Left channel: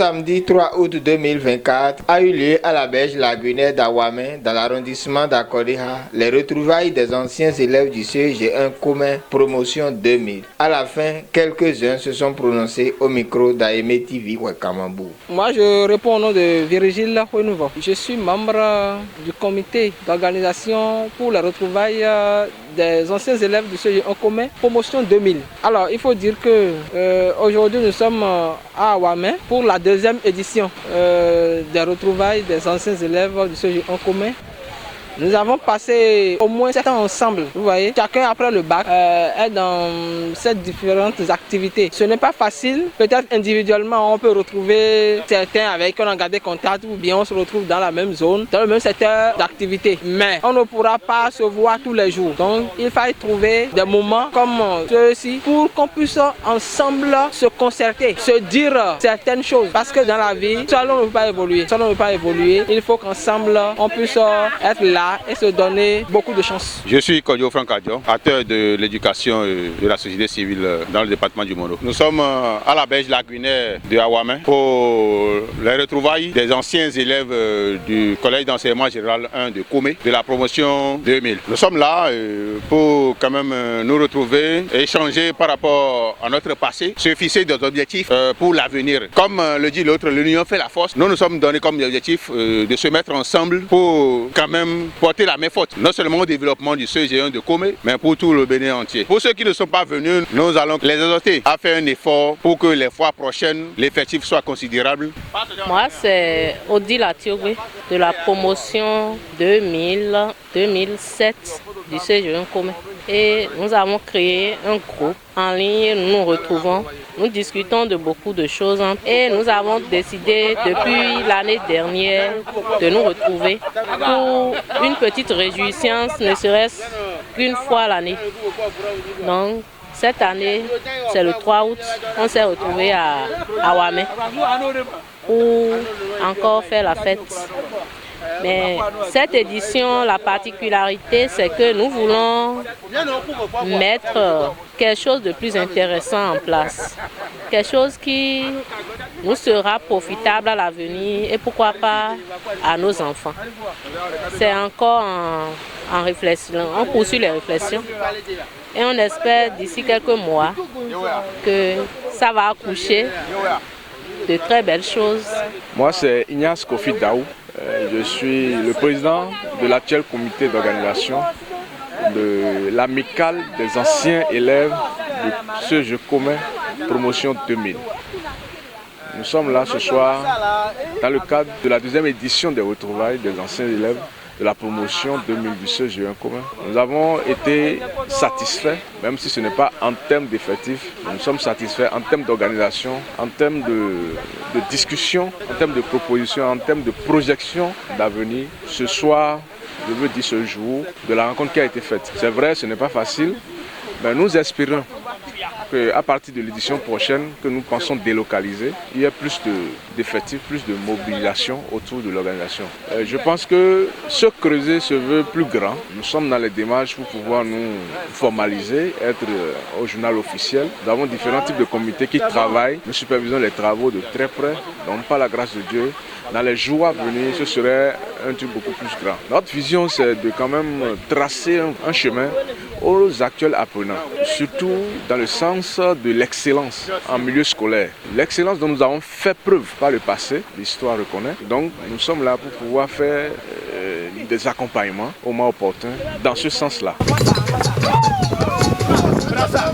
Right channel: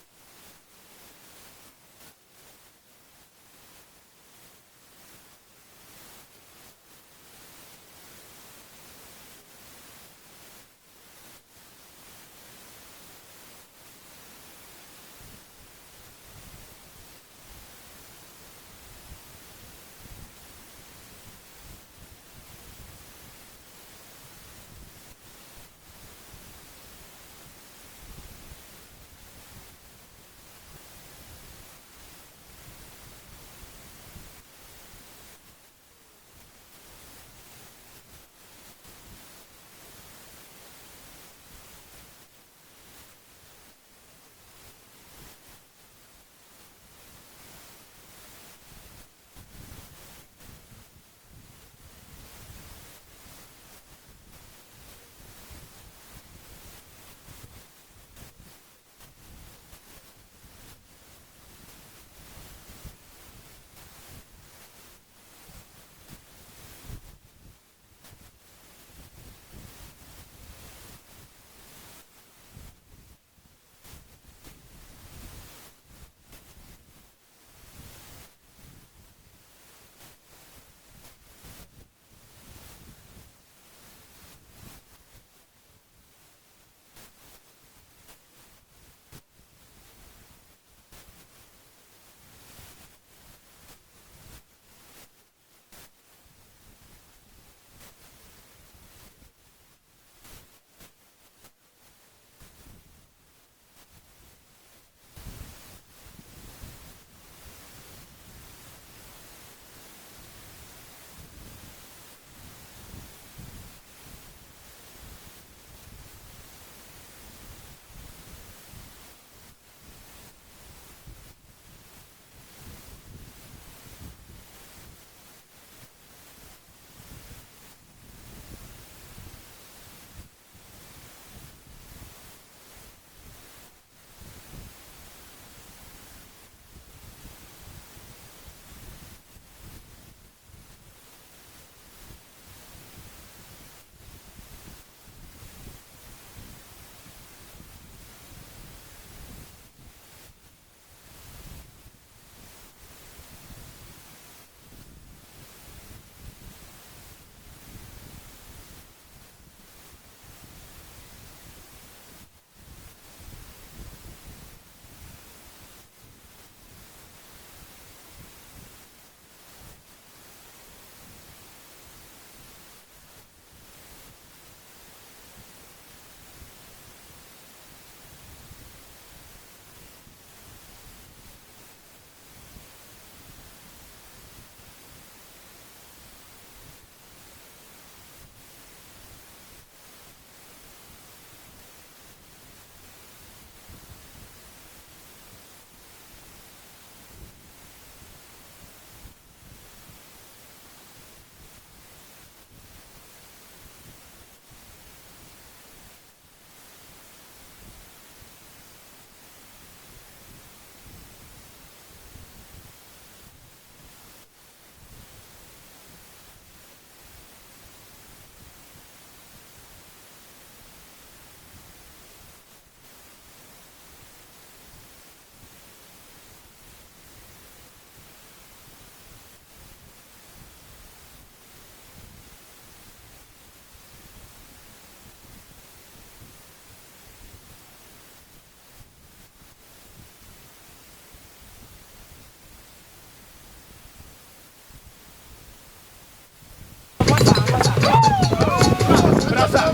samedi 3 août 2024 a eu lieu à la berge lagunaire d'Awamé, dans l'arrondissement d'Akodiha, les retrouvailles des anciens élèves du CEG1 commun promotion 2000. À la fin, quelques-uns se sont prononcés au micro d'Aimé TV Ouakamambou. Moi, je réponds au nom de Virgile Renouveau. Je suis membre du comité d'organisation pour les retrouvailles des anciens élèves du CEG1 commun promotion 2000. Alors, il faut dire que aujourd'hui, nous sommes à Awamé pour la deuxième édition des retrouvailles des anciens élèves du CEG1 commun. Nous avons passé au moins 7 ans ensemble, vous voyez. Chacun après le bac est dans ces différentes activités. Ce n'est pas facile, peut-être individuellement on peut retrouver certains avec qui on a gardé contact ou bien on se retrouve dans la même zone, dans le même secteur d'activité. Mais on ne pourra pas se voir tous les jours. Donc il faut trouver des moments comme ceux-ci pour qu'on puisse ensemble se concerter, se dire certaines choses. Parce que dans la vie, seul on ne peut pas évoluer. Seul on ne peut pas évoluer. Il faut qu'ensemble on puisse être là et se donner beaucoup de chance. Je suis Kodjo Franck Adjo, acteur de l'éducation et de la société civile dans le département du Mono. Nous sommes à la berge lagunaire de Awamé pour les retrouvailles des anciens élèves du collège d'enseignement général 1 de Koumé, de la promotion 2000. Nous sommes là pour quand même nous retrouver et échanger par rapport à notre passé, se fixer des objectifs pour l'avenir. Comme le dit l'autre, l'union fait la force. Nous nous sommes donnés comme objectif de se mettre ensemble pour quand même porter la main forte, non seulement au développement du CEG1 de Koumé, mais pour tout le Bénin entier. Pour ceux qui ne sont pas venus, nous allons les exhorter à faire un effort pour que les fois prochaines, l'effectif soit considérable. Moi, c'est Odile Atiogwe de la promotion 2000-2007 du CEG1 Koumé. Et nous avons créé un groupe en ligne, nous nous retrouvons, nous discutons de beaucoup de choses et nous avons décidé depuis l'année dernière de nous retrouver pour une petite réjouissance, ne serait-ce qu'une fois l'année. Donc cette année, c'est le 3 août, on s'est retrouvés à Awamé pour encore faire la fête. Mais cette édition, la particularité, c'est que nous voulons mettre quelque chose de plus intéressant en place. Quelque chose qui nous sera profitable à l'avenir et pourquoi pas à nos enfants. C'est encore en réflexion, on poursuit les réflexions et on espère d'ici quelques mois que ça va accoucher de très belles choses. Moi, c'est Ignace Kofi Daou. Je suis le président de l'actuel comité d'organisation de l'amicale des anciens élèves de CEG commun promotion 2000. Nous sommes là ce soir dans le cadre de la deuxième édition des retrouvailles des anciens élèves de la promotion 2000 du CEG1 commun. Nous avons été satisfaits, même si ce n'est pas en termes d'effectifs, nous sommes satisfaits en termes d'organisation, en termes de discussion, en termes de propositions, en termes de projection d'avenir. Ce soir, je veux dire ce jour, de la rencontre qui a été faite. C'est vrai, ce n'est pas facile, mais nous espérons qu'à partir de l'édition prochaine, que nous pensons délocaliser, il y a plus d'effectifs, plus de mobilisation autour de l'organisation. Je pense que ce creuset se veut plus grand. Nous sommes dans les démarches pour pouvoir nous formaliser, être au journal officiel. Nous avons différents types de comités qui travaillent. Nous supervisons les travaux de très près. Donc, par la grâce de Dieu, dans les jours à venir, ce serait un truc beaucoup plus grand. Notre vision, c'est de quand même tracer un chemin aux actuels apprenants, surtout dans le sens de l'excellence en milieu scolaire. L'excellence dont nous avons fait preuve par le passé, l'histoire reconnaît. Donc nous sommes là pour pouvoir faire des accompagnements au moment opportun dans ce sens-là. Brasa.